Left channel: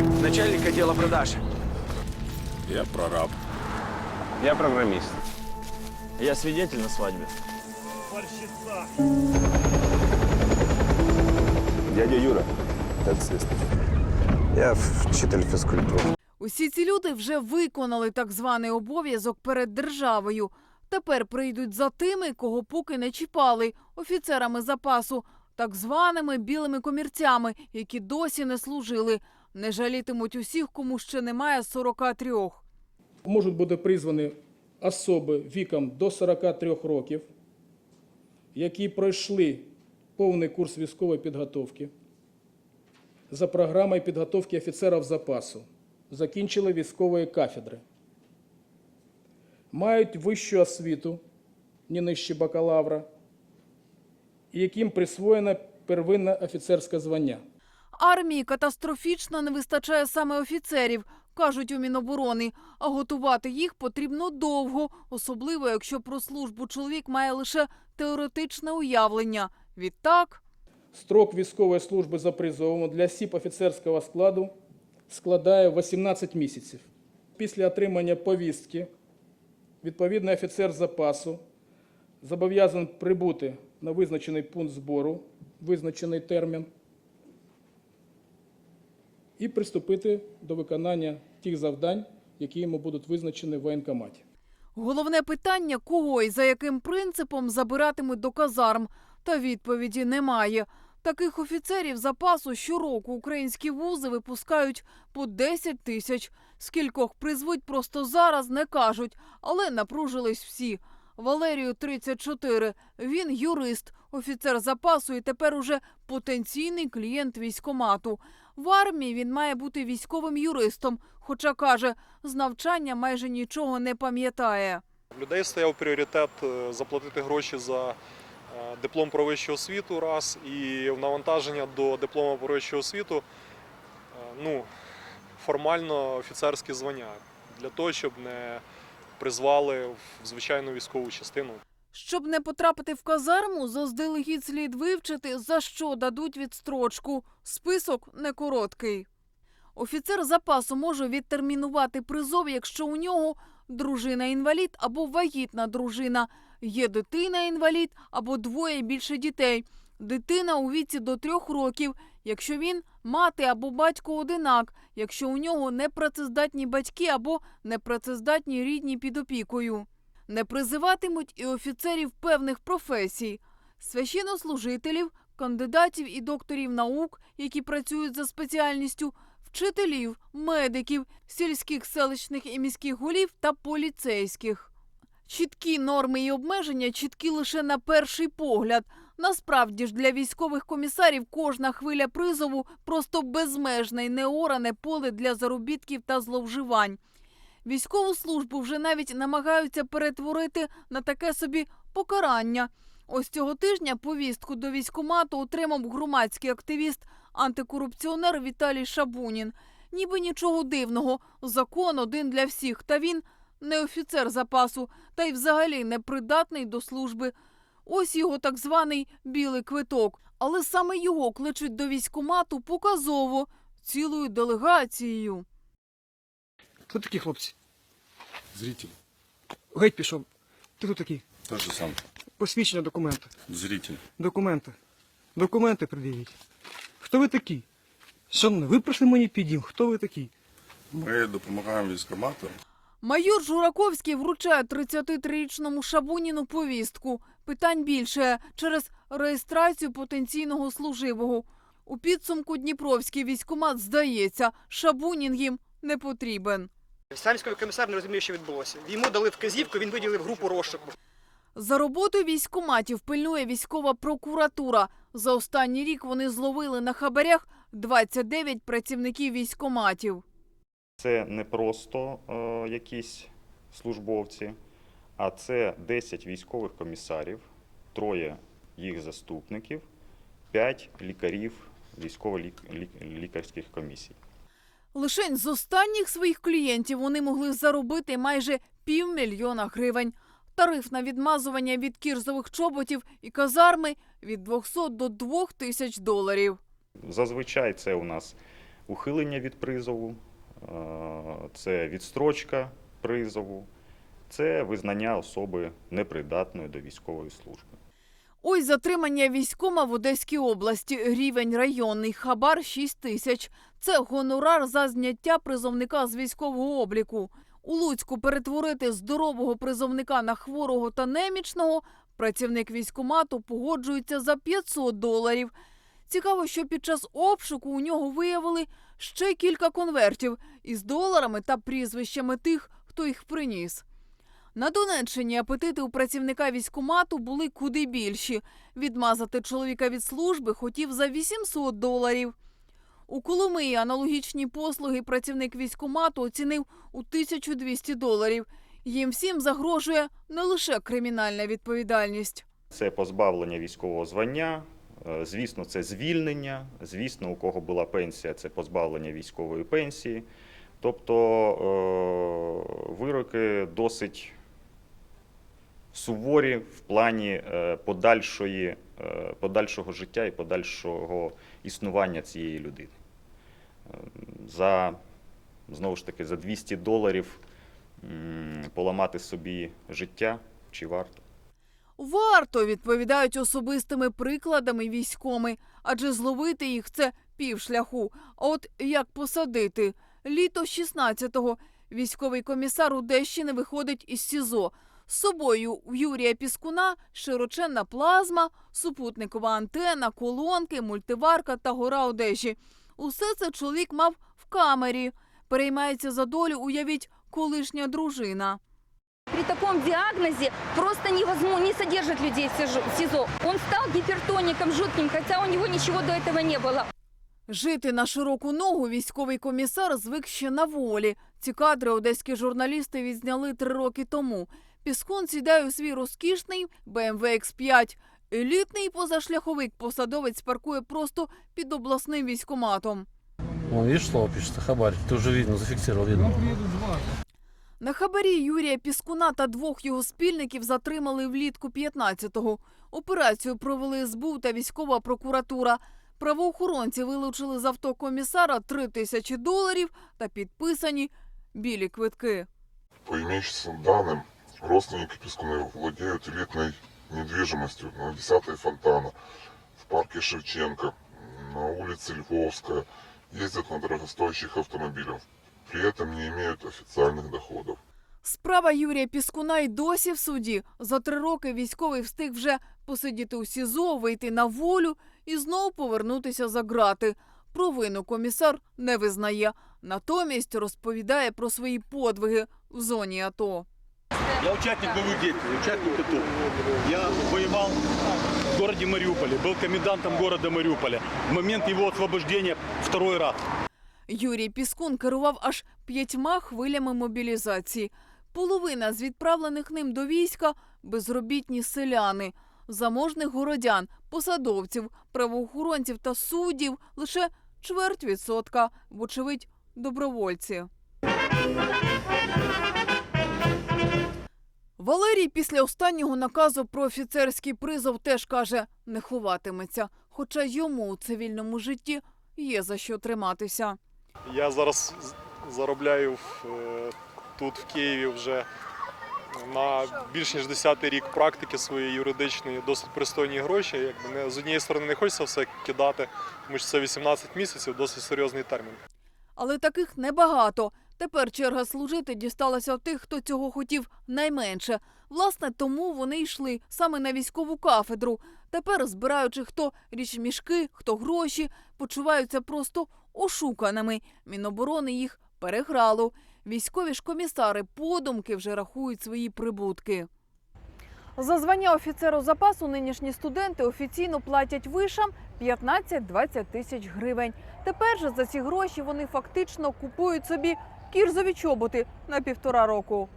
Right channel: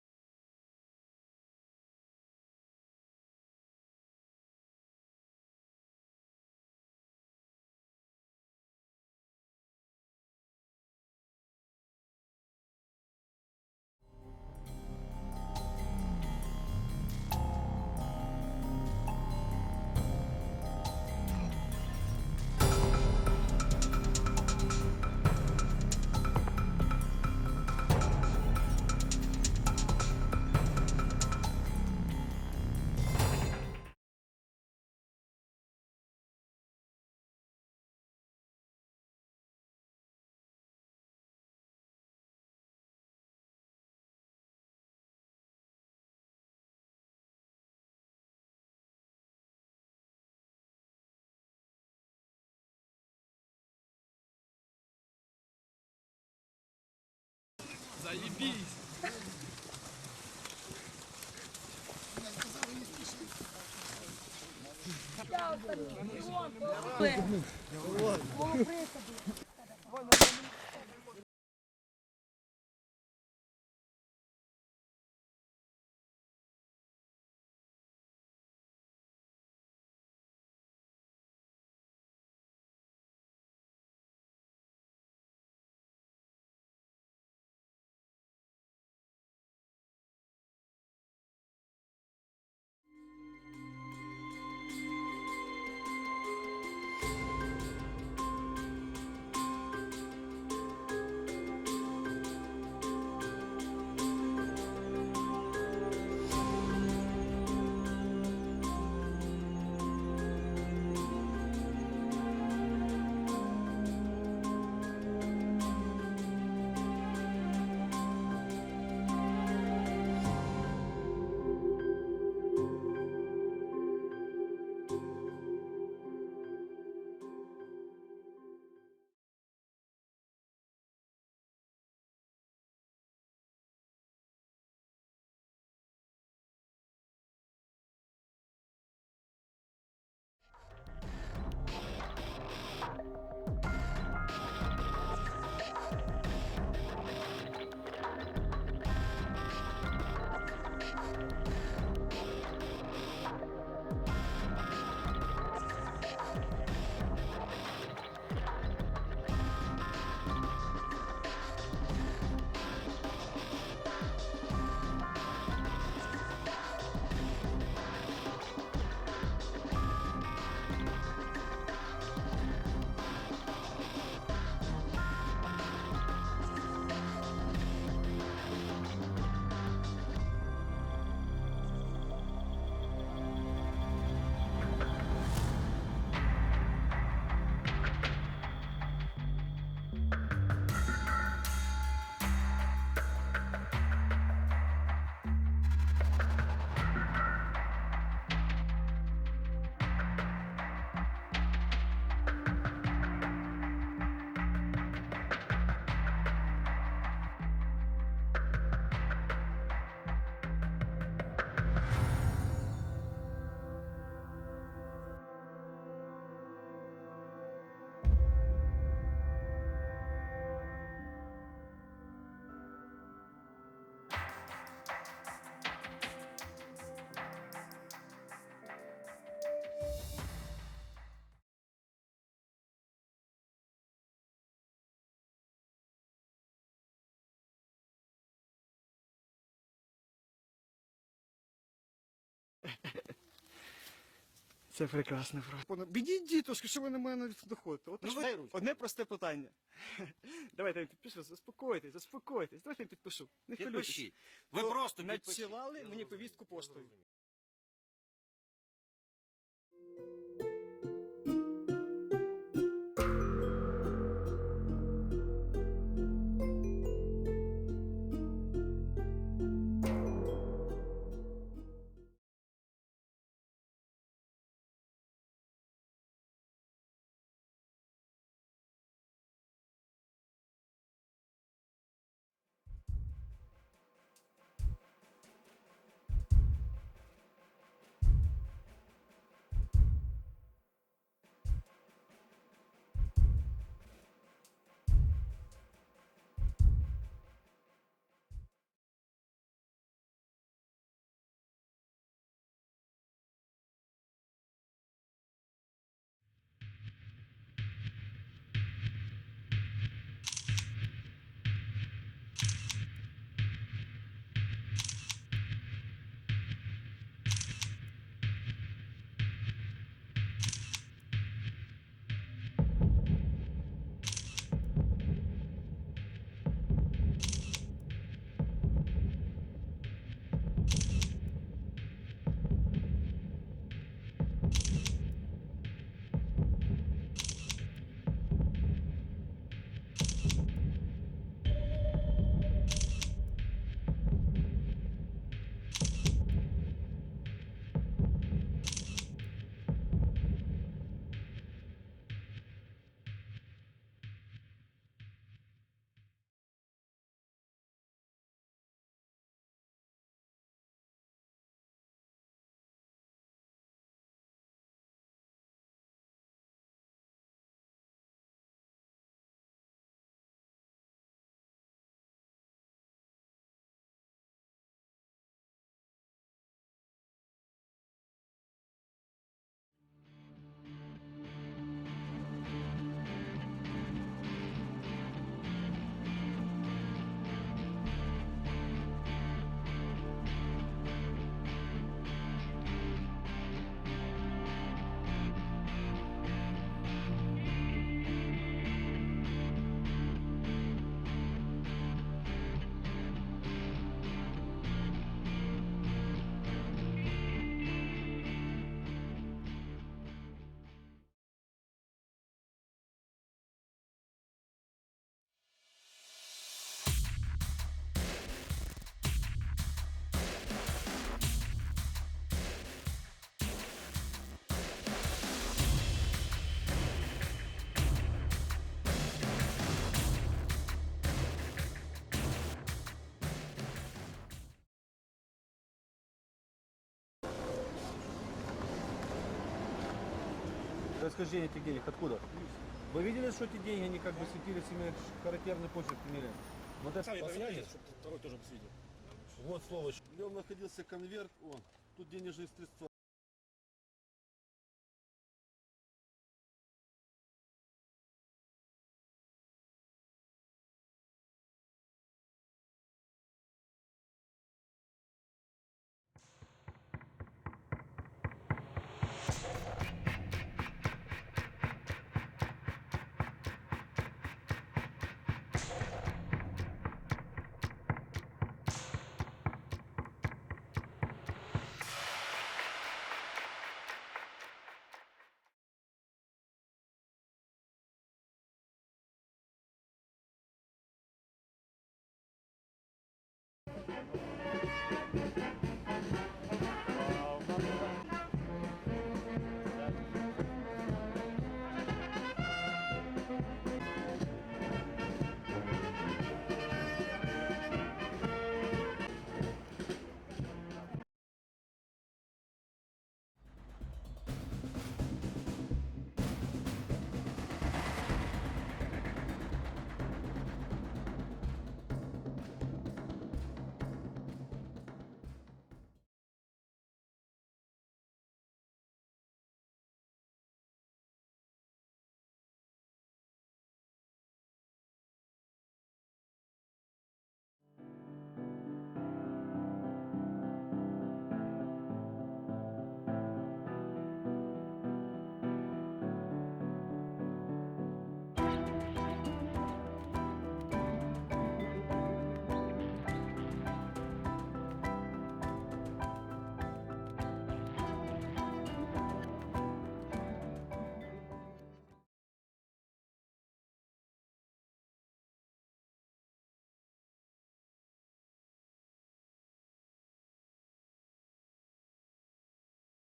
Начальник отдела продаж. Я прораб. Я програміст. Я свидетель на свадьбе. Дядя Юра, таксист. Я вчитель фізкультури. Усі ці люди вже виконали так званий обов'язок перед державою. Тепер прийдуть за тими, кого поки не чіпали, офіцерами запасу, так званими білими комірцями, які досі не служили. Не жалітимуть усіх, кому ще немає 43. можуть бути призвані особи віком до 43 років, які пройшли повний курс військової підготовки за програмою підготовки офіцерів запасу, закінчили військової кафедри, мають вищу освіту, не нижче бакалавра, і яким присвоєно первинне офіцерське звання. Армії катастрофічно не вистачає саме офіцерів, кажуть у Міноборони. А готувати їх потрібно довго, особливо якщо про службу чоловік має лише теоретичне уявлення. Відтак Строк військової служби за призовом для осіб офіцерського складу складає 18 місяців. Після отримання повістки відповідний офіцер запасу зобов'язаний прибути на визначений пункт збору, визначений термін, і приступити до виконання тих завдань, які йому будуть визначені в воєнкоматі. головне питання, кого і за яким принципом забиратимуть до казарм. Та відповіді немає. Таких офіцерів запасу щороку українські вузи випускають по 10 тисяч. Скількох призвуть просто зараз, не кажуть, але напружились всі. Валерію 34. Він юрист, офіцер запасу і тепер уже потенційний клієнт військомату. В армії він має бути військовим юристом, хоча каже, з навчання майже нічого не пам'ятає. Людей стояв пріоритет е, заплатити гроші за диплом про вищу освіту раз і в навантаження до диплому про вищу освіту е, ну, формально офіцерське звання для того, щоб не призвали в звичайну військову частину. Щоб не потрапити в казарму, заздалегідь слід вивчити, за що дадуть відстрочку. Список не короткий. Офіцер запасу може відтермінувати призов, якщо у нього дружина інвалід або вагітна дружина, є дитина інвалід або двоє більше дітей. Дитина у віці до трьох років, якщо він мати або батько одинак, якщо у нього непрацездатні батьки або непрацездатні рідні під опікою. Не призиватимуть і офіцерів певних професій, священнослужителів, кандидатів і докторів наук, які працюють за спеціальністю, вчителів, медиків, сільських селищних і міських голів та поліцейських. Чіткі норми і обмеження чіткі лише на перший погляд. Насправді ж для військових комісарів кожна хвиля призову просто безмежне й неоране поле для заробітків та зловживань. Військову службу вже навіть намагаються перетворити на таке собі покарання. Ось цього тижня повістку до військкомату отримав громадський активіст, антикорупціонер Віталій Шабунін. Ніби нічого дивного, закон один для всіх. Та він не офіцер запасу, та й взагалі не придатний до служби. Ось його так званий білий квиток. Але саме його кличуть до військкомату показово цілою делегацією. Хто такі хлопці? Зритель. Геть пішов. Ти хто такий? Тот же сам. Посвідчення документи. Зритель. Документи. Документи пред'явіть. Хто ви такі? Шановний, ви пройшли мені підім. Хто ви такі? Ми допомагаємо військомату. Майор Жураковський вручає 33-річному Шабуніну повістку. Питань більше через реєстрацію потенційного служивого. У підсумку Дніпровський військкомат здається, Шабунін їм не потрібен. Сам комісар не розумів, що відбулося. Йому дали вказівку, він виділив групу розшуку. За роботою військкоматів пильнує військова прокуратура. За останній рік вони зловили на хабарях 29 працівників військкоматів. Це не просто е, якісь службовці, а це 10 військових комісарів, троє їх заступників, 5 лікарів військово-лікарських комісій. Лишень з останніх своїх клієнтів вони могли заробити майже півмільйона гривень. Тариф на відмазування від кірзових чоботів і казарми від 200 до 2000 доларів. Зазвичай це у нас ухилення від призову, е, це відстрочка призову, це визнання особи непридатною до військової служби. Ось затримання військома в Одеській області. Рівень районний хабар 6 тисяч. Це гонорар за зняття призовника з військового обліку. У Луцьку перетворити здорового призовника на хворого та немічного працівник військомату погоджується за 500 доларів. Цікаво, що під час обшуку у нього виявили ще кілька конвертів із доларами та прізвищами тих, хто їх приніс. На Донеччині апетити у працівника військкомату були куди більші. Відмазати чоловіка від служби хотів за 800 доларів. У Коломиї аналогічні послуги працівник військкомату оцінив у 1200 доларів. Їм всім загрожує не лише кримінальна відповідальність. Це позбавлення військового звання, звісно, це звільнення. Звісно, у кого була пенсія, це позбавлення військової пенсії. Тобто е, вироки досить суворі в плані е, подальшої, е, подальшого життя і подальшого існування цієї людини. Е, За, знову ж таки, за 200 доларів поламати собі життя чи варто? Варто відповідають особистими прикладами військоми, адже зловити їх це півшляху. От як посадити? Літо 16-го військовий комісар Одещини виходить із СІЗО. З собою в Юрія Піскуна широченна плазма, супутникова антена, колонки, мультиварка та гора одежі. Усе це чоловік мав в камері. Переймається за долю, уявіть, колишня дружина. При таком диагнозе просто невозможно не содержать людей в СИЖО- в СИЗО. Он стал гипертоником жутким, хотя у него ничего до этого не было. Жити на широку ногу військовий комісар звик ще на волі. Ці кадри одеські журналісти відзняли три роки тому. Піскун сідає у свій розкішний BMW X5. Елітний позашляховик посадовець паркує просто під обласним військоматом. Вон, видишь, слово пишется, хабарь. Ты уже видно, зафиксировал, видно. На хабарі Юрія Піскуна та двох його спільників затримали влітку 15-го. Операцію провели СБУ та військова прокуратура. Правоохоронці вилучили з авто комісара 3 тисячі доларів та підписані білі квитки. По имеющимся данным, родственники Пескуны владеют элитной недвижимостью на 10-й Фонтана, в парке Шевченко, на улице Львовская, ездят на дорогостоящих автомобилях, при этом не имеют официальных доходов. Справа Юрія Піскуна й досі в суді. За три роки військовий встиг вже посидіти у СІЗО, вийти на волю і знову повернутися за ґрати. Провину комісар не визнає. Натомість розповідає про свої подвиги в зоні АТО. Я участник боевых действий, участник АТО. Я воевал в городе Мариуполе, был комендантом города Мариуполя. В момент его освобождения второй раз. Юрій Піскун керував аж п'ятьма хвилями мобілізації. Половина з відправлених ним до війська безробітні селяни, заможних городян, посадовців, правоохоронців та суддів лише чверть відсотка, вочевидь, добровольці. Валерій після останнього наказу про офіцерський призов теж каже, не ховатиметься. Хоча йому у цивільному житті є за що триматися. Я зараз заробляю е, тут в Києві вже на більш ніж 10 рік практики своєї юридичної досить пристойні гроші. Якби не з однієї сторони не хочеться все кидати, тому що це 18 місяців, досить серйозний термін. Але таких небагато. Тепер черга служити дісталася тих, хто цього хотів найменше. Власне, тому вони йшли саме на військову кафедру. Тепер, збираючи хто річмішки, хто гроші, почуваються просто ошуканими. Міноборони їх переграло. Військові ж комісари подумки вже рахують свої прибутки. За звання офіцеру запасу нинішні студенти офіційно платять вишам 15-20 тисяч гривень. Тепер же за ці гроші вони фактично купують собі кірзові чоботи на півтора року.